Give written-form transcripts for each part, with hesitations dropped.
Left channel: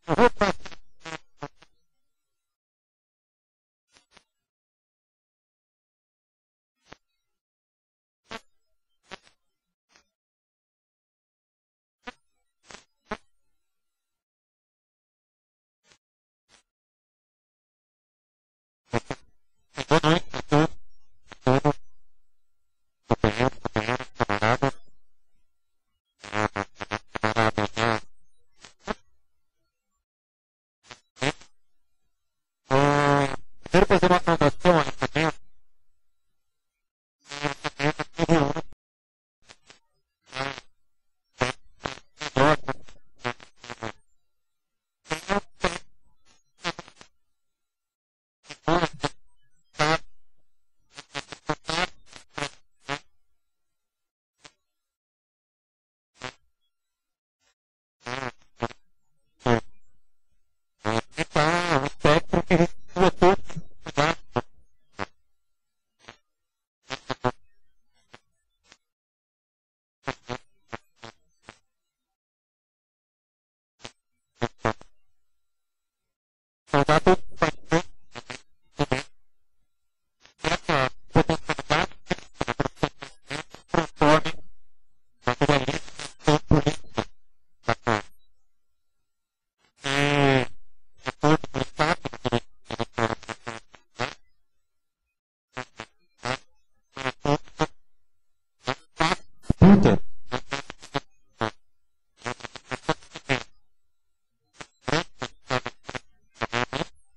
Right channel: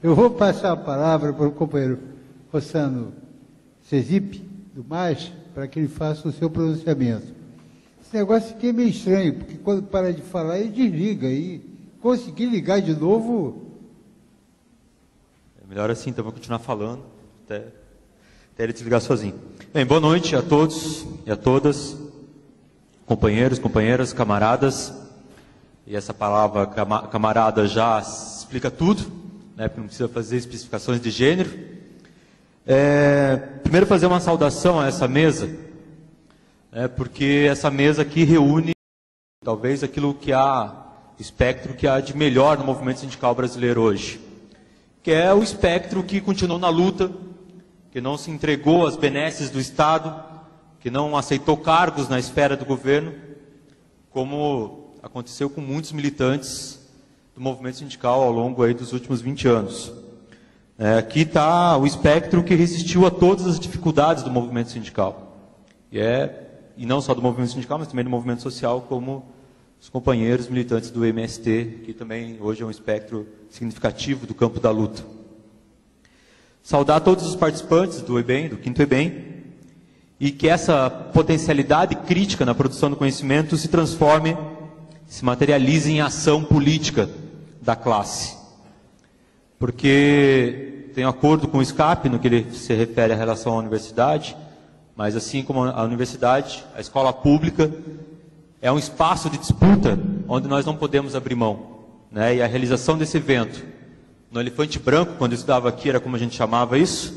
Eu vou passar a palavra para o companheiro Rossano Cesipe, do MAS, para que ele faça o seu pronunciamento. Esse negócio aqui é meio estranho, porque quando para de falar, ele desliga. E conseguir ligar de novo... É melhor assim, então vou continuar falando até ele desligar sozinho. Bem, boa noite a todos e a todas, companheiros, companheiras, camaradas. E essa palavra camarada já explica tudo, né, porque não precisa fazer especificações de gênero. Primeiro fazer uma saudação a essa mesa, né, porque essa mesa aqui reúne talvez aquilo que há, espectro que há de melhor no movimento sindical brasileiro hoje, que é o espectro que continuou na luta, que não se entregou às benesses do Estado, que não aceitou cargos na esfera do governo, como aconteceu com muitos militantes do movimento sindical ao longo aí dos últimos 20 anos. Aqui está o espectro que resistiu a todas as dificuldades do movimento sindical. E não só do movimento sindical, mas também do movimento social, como os companheiros militantes do MST, que também hoje é um espectro significativo do campo da luta. Saudar todos os participantes do EBEM, do 5º EBEM, e que essa potencialidade crítica na produção do conhecimento se transforme, se materialize em ação política da classe. Porque tem acordo com o SCAP, no que ele se refere à relação à universidade, mas assim como a universidade, a escola pública, é um espaço de disputa onde nós não podemos abrir mão, né? E a realização desse evento, no Elefante Branco, quando eu estava aqui, era como a gente chamava isso,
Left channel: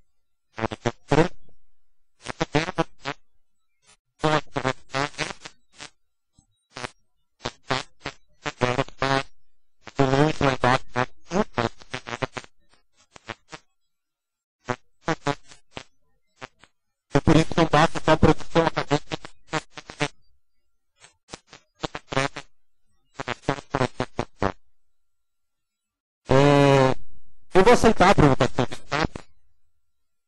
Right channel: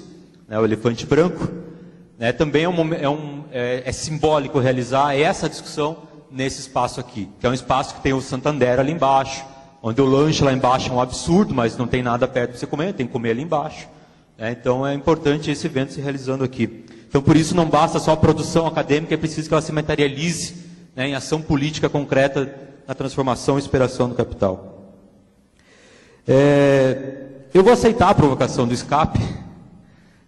né, o Elefante Branco, né, também é simbólico realizar essa discussão nesse espaço aqui, que é um espaço que tem o Santander ali embaixo, onde o lanche lá embaixo é um absurdo, mas não tem nada perto para você comer, tem que comer ali embaixo. Né? Então é importante esse evento se realizando aqui. Então por isso não basta só a produção acadêmica, é preciso que ela se materialize, né, em ação política concreta na transformação e superação do capital. Eu vou aceitar a provocação do SCAP,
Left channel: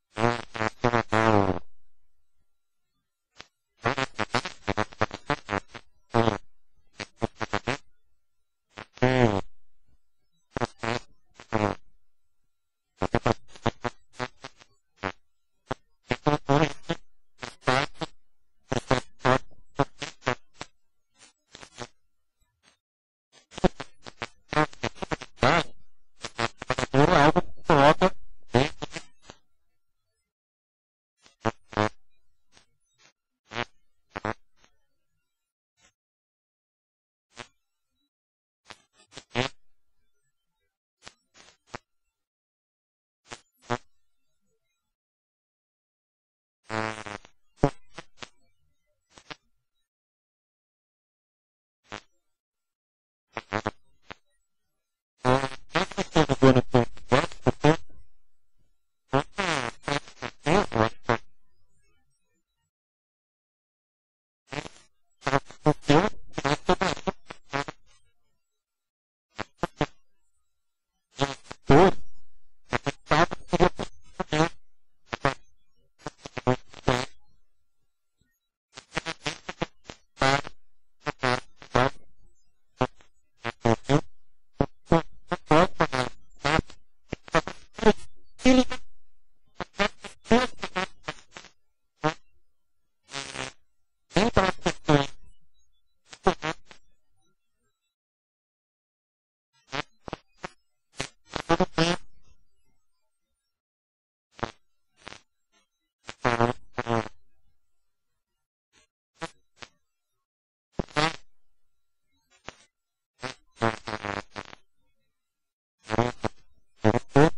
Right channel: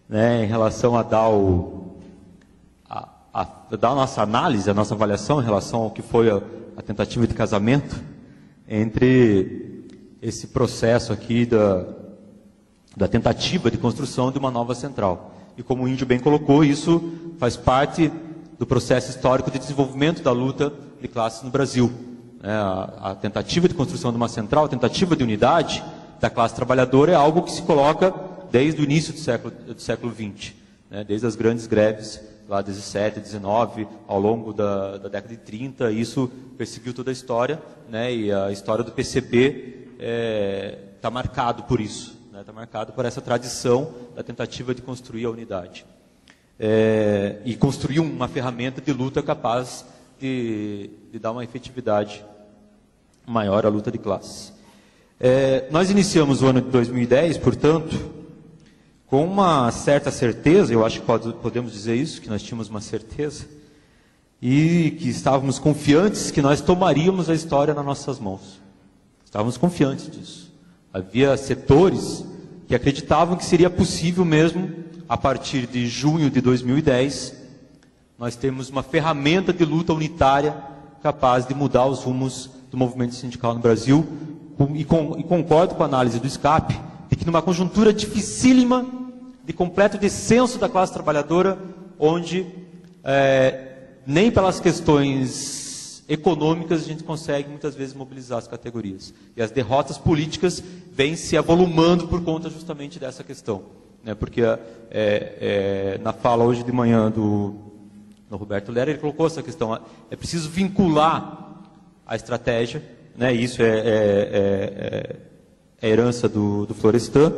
né, em relação a dar a nossa análise, a nossa avaliação em relação ao que foi a tentativa de casamento entre esse processo aqui da tentativa de construção de uma nova central. E como o Índio bem colocou, isso faz parte do processo histórico de desenvolvimento da luta de classes no Brasil. A tentativa de construção de uma central, a tentativa de unidade da classe trabalhadora é algo que se coloca desde o início do século XX, né, desde as grandes greves lá 17, 19, ao longo da década de 30, isso perseguiu toda a história, né, e a história do PCB está marcado por isso, está marcado por essa tradição da tentativa de construir a unidade. E construir uma ferramenta de luta capaz de dar uma efetividade maior à luta de classes. Nós iniciamos o ano de 2010, portanto, com uma certa certeza, eu acho que podemos dizer isso, que nós tínhamos uma certeza, e que estávamos confiantes que nós tomaríamos a história nas nossas mãos. Estávamos confiantes disso. Havia setores que acreditavam que seria possível mesmo, a partir de junho de 2010, nós temos uma ferramenta de luta unitária capaz de mudar os rumos do movimento sindical no Brasil, e concordo com a análise do SCAP, de que numa conjuntura dificílima, de completo descenso da classe trabalhadora, onde nem pelas questões econômicas a gente consegue muitas vezes mobilizar as categorias. E as derrotas políticas vêm se avolumando por conta justamente dessa questão. Né? Porque na fala hoje de manhã do Roberto Lera, ele colocou essa questão. É preciso vincular a estratégia, né? Isso é herança do Florestan.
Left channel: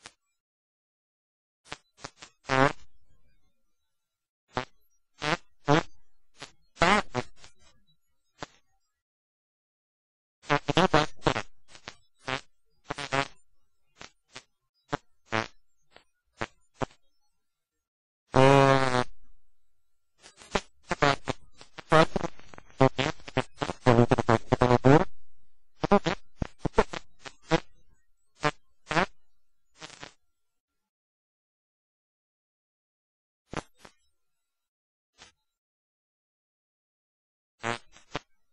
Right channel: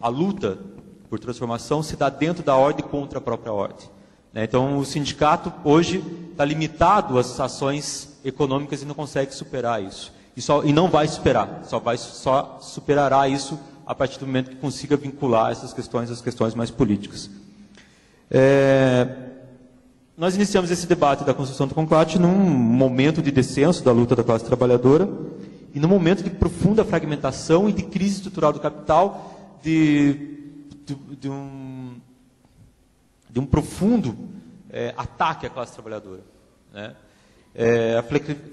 A luta por transformação se dá dentro da ordem contra a própria ordem. Né? Então, o sindicato hoje está limitado às ações econômicas e não consegue superar isso. E não vai superar, só superará isso a partir do momento que consiga vincular essas questões às questões mais políticas. Nós iniciamos esse debate da construção do conclave num momento de descenso da luta da classe trabalhadora e num momento de profunda fragmentação e de crise estrutural do capital, de um profundo ataque à classe trabalhadora. Né? A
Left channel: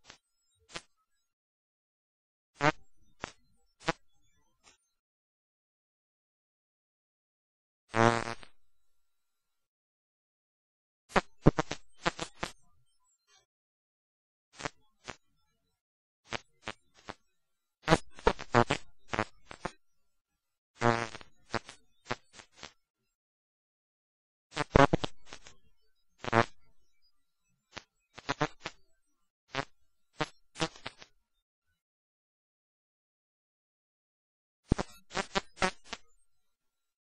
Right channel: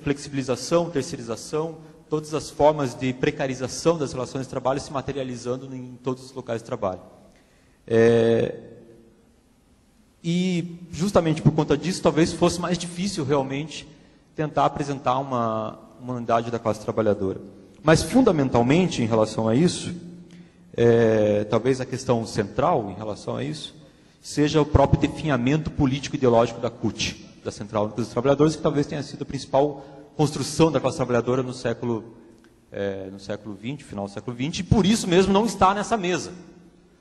flexibilização, terceirização, todas as formas de precarização das relações de trabalho se materializando em todos os locais de trabalho. E justamente por conta disso, talvez fosse mais difícil realmente tentar apresentar uma unidade da classe trabalhadora. Mas fundamentalmente em relação a isso, talvez a questão central em relação a isso, seja o próprio definhamento político-ideológico da CUT, da Central Única dos Trabalhadores, que talvez tenha sido a principal construção da classe trabalhadora no século XX, final do século XX, e por isso mesmo não está nessa mesa.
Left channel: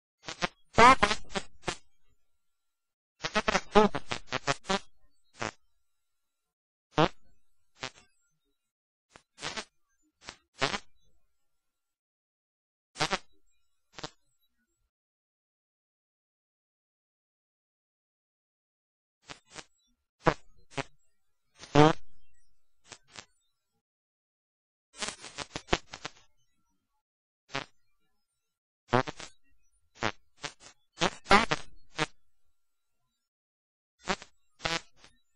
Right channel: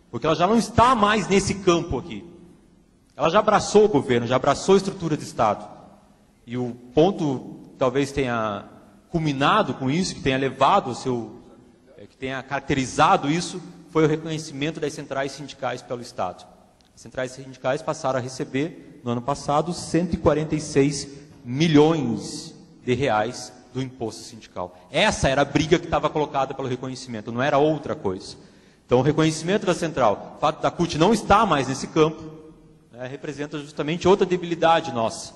Porque ela já não está mais nesse campo aqui. Ela já abraçou o governo, já abraçou a estrutura de Estado. E o ponto que talvez tenha culminado com isso, que tenha levado que tenha caracterizado isso, foi o reconhecimento das centrais sindicais pelo Estado. As centrais sindicais passaram a receber, no ano passado, 146 milhões de reais do imposto sindical. Essa era a briga que estava colocada pelo reconhecimento, não era outra coisa. Então, o reconhecimento da central, o fato da CUT não estar mais nesse campo, representa justamente outra debilidade nossa.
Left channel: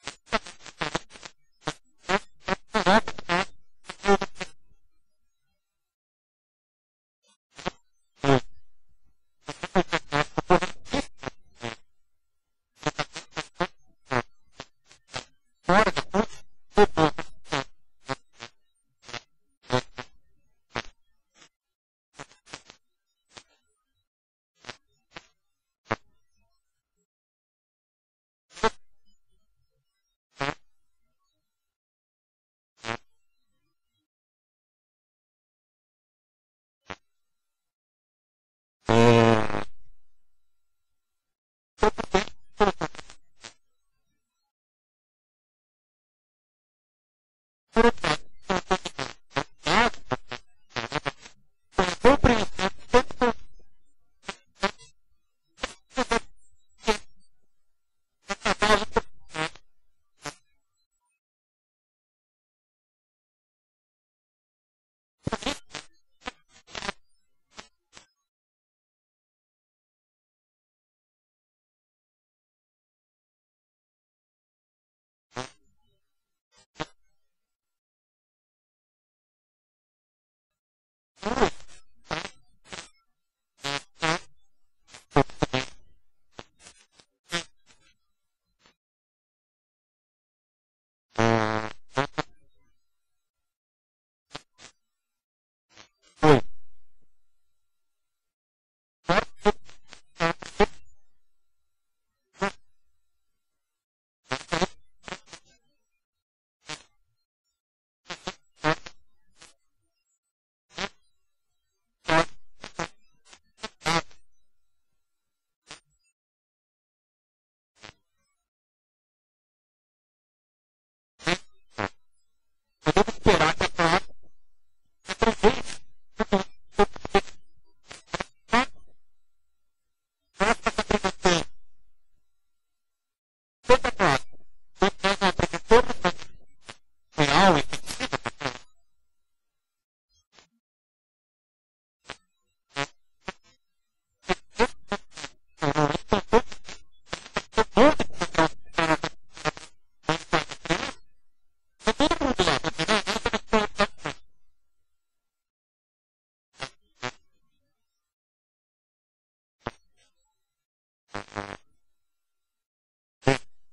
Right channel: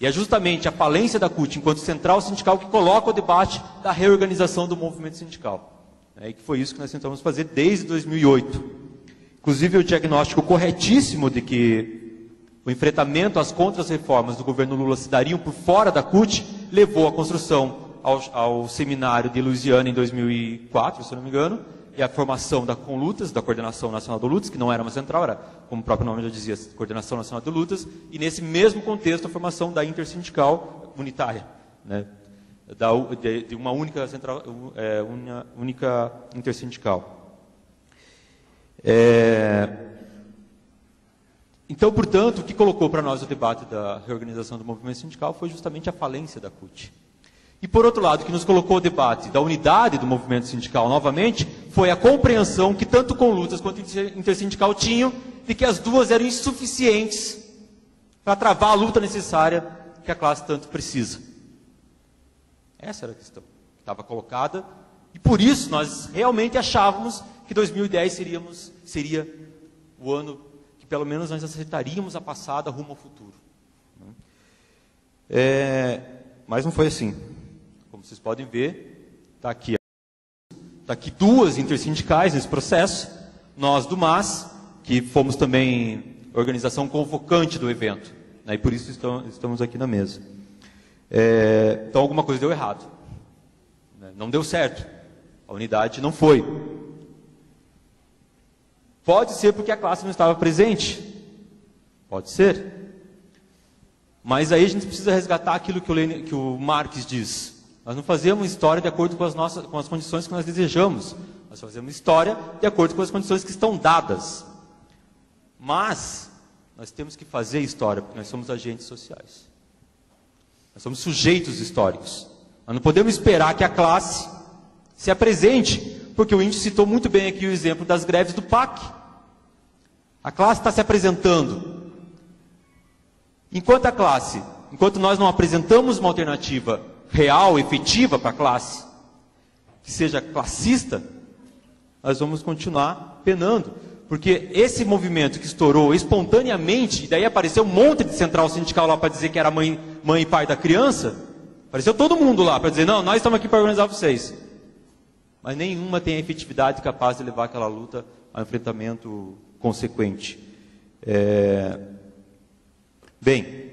E é justamente a falência da CUT, enquanto central sindical, que coloca o debate da reorganização do movimento sindical. E que foi isso que nós tentamos fazer desde 2008. Inclusive, o diagnóstico corretíssimo de que o enfrentamento às contras-reformas do governo Lula se dariam por fora da CUT, levou à construção ao seminário de Louisiana em 2004, se não me engano, e a formação da CONLUTAS, da Coordenação Nacional de Lutas, que não era uma central, era, como o próprio nome já dizia, Coordenação Nacional de Lutas, e nesse mesmo contexto a formação da Intersindical Unitária, de uma única central, única intersindical. Então, portanto, o que colocou para nós o debate da reorganização do movimento sindical foi justamente a falência da CUT. E, por outro lado, o que nos colocou o debate da unidade do movimento sindical novamente foi a compreensão que tanto CONLUTAS quanto Intersindical tinham de que as duas eram insuficientes para travar a luta necessária que a classe tanto precisa. Essa era a questão que estava colocada, e por isso nós realmente achávamos que 2010 seria o ano que pelo menos nós acertaríamos a passada rumo ao futuro. Mas não foi assim. Como vocês podem ver, está aqui duas intersindicais nesse processo, nós do MAS, que fomos também organização convocante do evento, e por isso estamos aqui na mesa. Então alguma coisa deu errado, não deu certo, a unidade não foi. Pode ser porque a classe não estava presente, pode ser, mas aí a gente precisa resgatar aquilo que o Marx diz. Nós não fazemos história de acordo com as condições que nós desejamos, nós fazemos história de acordo com as condições que estão dadas. Mas nós temos que fazer história, porque nós somos agentes sociais. Nós somos sujeitos históricos. Nós não podemos esperar que a classe se apresente, porque o índio citou muito bem aqui o exemplo das greves do PAC. A classe está se apresentando. Enquanto nós não apresentamos uma alternativa real, efetiva para a classe, que seja classista, nós vamos continuar penando. Porque esse movimento que estourou espontaneamente, e daí apareceu um monte de central sindical lá para dizer que era mãe e pai da criança, apareceu todo mundo lá para dizer, não, nós estamos aqui para organizar vocês. Mas nenhuma tem a efetividade capaz de levar aquela luta ao enfrentamento consequente. Bem,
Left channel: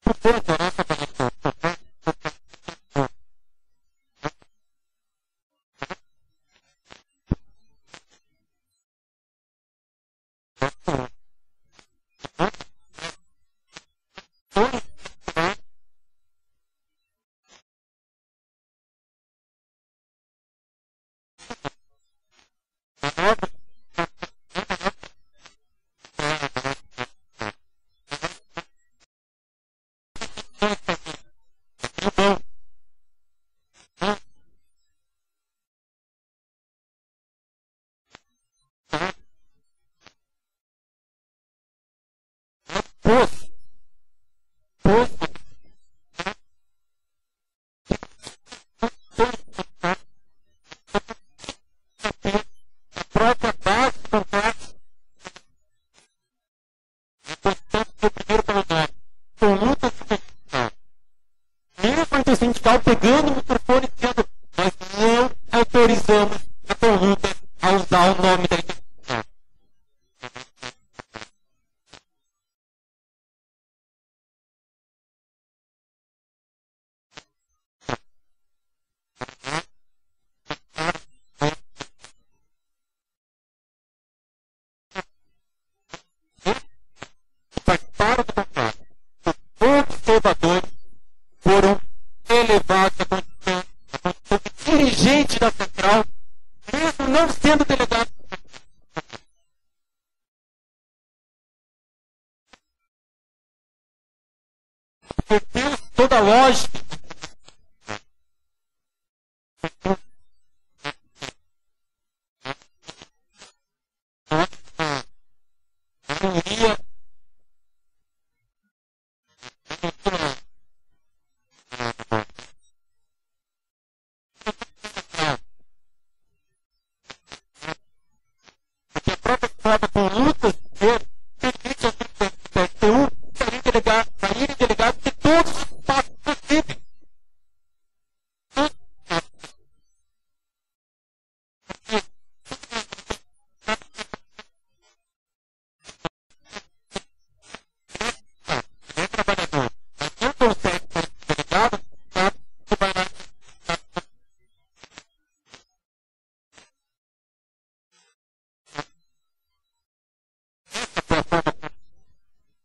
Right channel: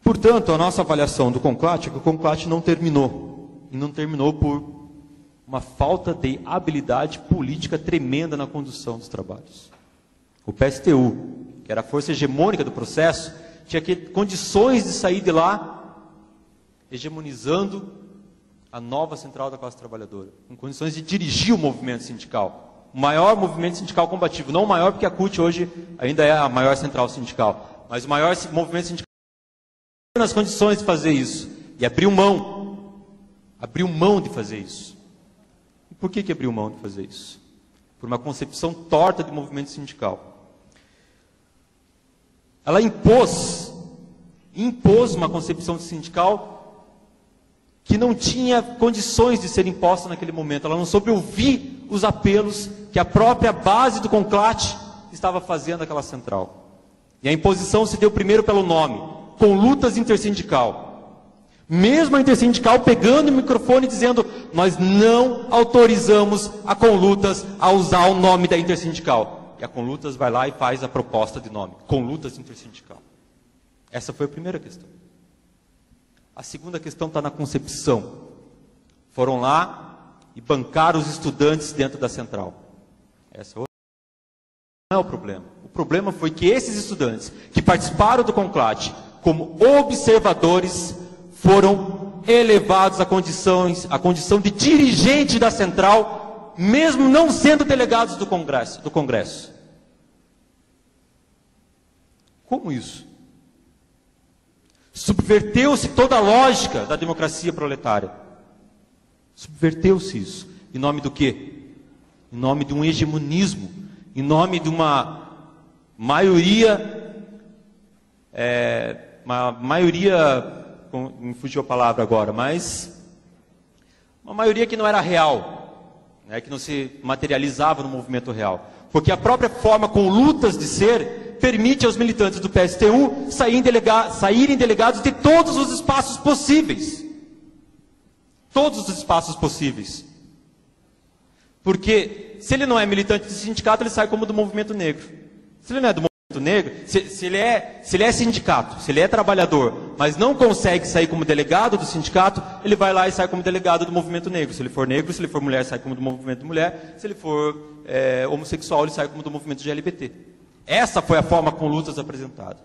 portanto, a nossa avaliação do CONCLAT é que o CONCLAT não terminou. E não terminou por uma falta de habilidade política tremenda na condução dos trabalhos. O PSTU, que era a força hegemônica do processo, tinha condições de sair de lá hegemonizando a nova central da classe trabalhadora, com condições de dirigir o movimento sindical. O maior movimento sindical combativo, não o maior porque a CUT hoje ainda é a maior central sindical, mas o maior movimento sindical nas condições de fazer isso, e abriu mão de fazer isso. E por que abriu mão de fazer isso? Por uma concepção torta de movimento sindical. Ela impôs uma concepção sindical que não tinha condições de ser imposta naquele momento. Ela não soube ouvir os apelos que a própria base do CONCLAT estava fazendo àquela central. E a imposição se deu primeiro pelo nome, CONLUTAS Intersindical. Mesmo a intersindical pegando o microfone e dizendo: nós não autorizamos a Conlutas a usar o nome da intersindical. E a Conlutas vai lá e faz a proposta de nome, Conlutas Intersindical. Essa foi a primeira questão. A segunda questão está na concepção. Foram lá e bancaram os estudantes dentro da central. Essa não é o problema. O problema foi que esses estudantes que participaram do conclave como observadores foram elevados à condição de dirigente da central, mesmo não sendo delegados do Congresso. Como isso? Subverteu-se toda a lógica da democracia proletária. Subverteu-se isso. Em nome do quê? Em nome de um hegemonismo, em nome de uma maioria, me fugiu a palavra agora, mas uma maioria que não era real, né, que não se materializava no movimento real. Porque a própria forma Conlutas de ser permite aos militantes do PSTU saírem delegados de todos os espaços possíveis. Todos os espaços possíveis. Porque se ele não é militante do sindicato, ele sai como do movimento negro. Se ele não é do movimento negro, se ele é sindicato, se ele é trabalhador, mas não consegue sair como delegado do sindicato, ele vai lá e sai como delegado do movimento negro. Se ele for negro, se ele for mulher, sai como do movimento mulher. Se ele for homossexual, ele sai como do movimento LGBT. Essa foi a forma Conlutas apresentada.